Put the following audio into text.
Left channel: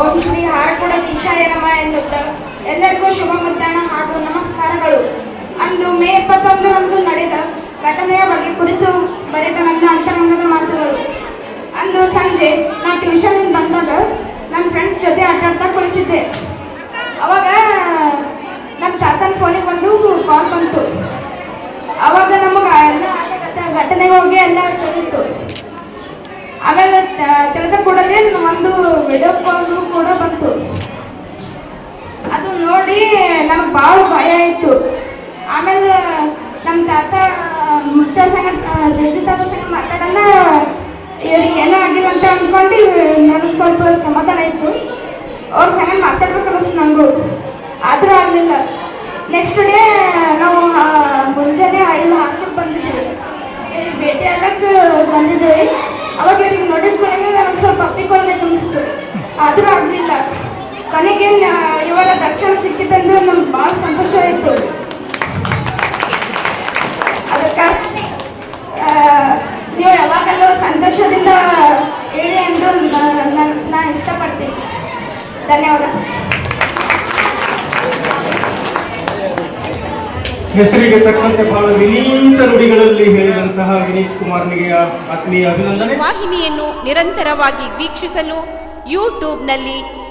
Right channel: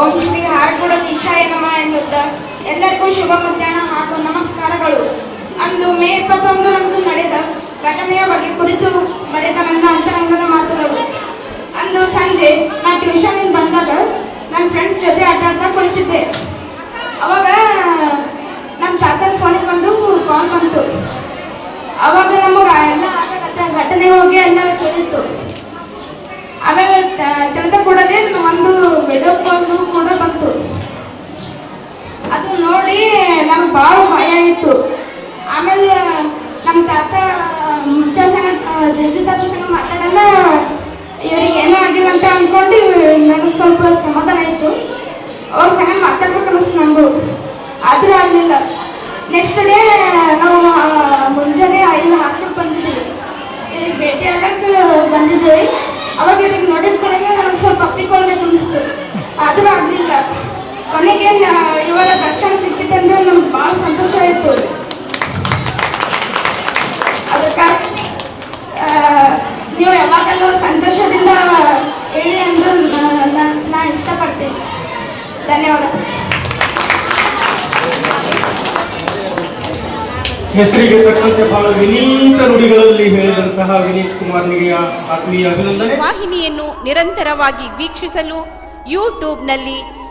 ಓಂ ಶ್ರೀ ಹಾರಕುಳ ಈಶಾಯ ನಮ ಎನ್ನುತ್ತಾ? ಎಲ್ಲರಿಗೂ ಶುಭ ಮಧ್ಯಾಹ್ನ ಹಾಗೂ ನಮಸ್ಕಾರಗಳು. ಅಂದು ಮೇ ಇಪ್ಪತ್ತೊಂದರಂದು ನಡೆದ ಘಟನೆಯ ಬಗ್ಗೆ ಕುರಿತು ಬರೆದ ನನ್ನ ಅಂತರಂಗದ ಮಾತುಗಳು. ಅಂದು ಸಂಜೆ ನಾನು ಟ್ಯೂಷನ್ ಬಂದಾಗ ನನ್ನ ಫ್ರೆಂಡ್ಸ್ ಜೊತೆ ಆಟ ಆಡ್ತಾ ಕುಳಿತಿದ್ದೆ. ಕಾಲ್ ಕೂಡ ಬಂತು. ಅದು ನೋಡಿ ನಮ್ಗೆ ಭಾಳ ಭಯ ಆಯಿತು. ಆಮೇಲೆ ನಮ್ಮ ತಾತ ಮುತ್ತ ಸಂಗ ಜಜ್ಜಿ ತಾತ ಸಂಗ ಮಾತಾಡಲ್ಲ. ಇವ್ರಿಗೆ ಏನೂ ಆಗಿಲ್ಲ ಅಂತ ಅಂದ್ಕೊಂಡು ನನಗೆ ಸ್ವಲ್ಪ ಸಮಾಧಾನ ಆಯಿತು. ಅವ್ರ ಸಂಗ ಮಾತಾಡ್ಬೇಕು ಅನಿಸ್ತು ನನಗೂ ಆದರೂ ಆಗಲಿಲ್ಲ. ನೆಕ್ಸ್ಟ್ ಡೇ ನಾವು ಮುಂಜಾನೆ ಐದು ಹಾಸ್ಟೆಲ್ ಬಂದಿದ್ದೀವಿ. ಭೇಟಿ ಆಗಕ್ಕೆ ಬಂದಿದ್ದೀವಿ. ಅವಾಗ ಇವ್ರಿಗೆ ನೋಡಿದ ಕಡೆಗೆ ನನಗೆ ಸ್ವಲ್ಪ ಅಪ್ಪಿಕೊಳ್ಬೇಕು ಅನಿಸ್ತು ಆದರೂ ಆಗಲಿಲ್ಲ ಕೊನೆಗೆ ಇವಾಗ ದರ್ಶನ ಸಿಕ್ಕಿತ್ತಂದ್ರೆ ನಮ್ಗೆ ಭಾಳ ಸಂತೋಷ ಆಯಿತು. ಅದಕ್ಕೆ ನೀವು ಯಾವಾಗಲೂ ಸಂತೋಷದಿಂದ ಹೇಳಿ ಎಂದು ನಾನು ಇಷ್ಟಪಡ್ತೀನಿ. ಧನ್ಯವಾದ. ಹೆಸರಿಗೆ ತಕ್ಕಂತೆ ಬಹಳ ವಿನೀತ ನುಡಿಗಳಲ್ಲಿ ಹೇಳಿದಂತಹ ವಿನೀತ್ ಕುಮಾರ್ನಿಗೆ ಆತ್ಮೀಯ ಅಭಿನಂದನೆ. ವಾಹಿನಿಯನ್ನು ನಿರಂತರವಾಗಿ ವೀಕ್ಷಿಸಲು ಯೂಟ್ಯೂಬ್ನಲ್ಲಿ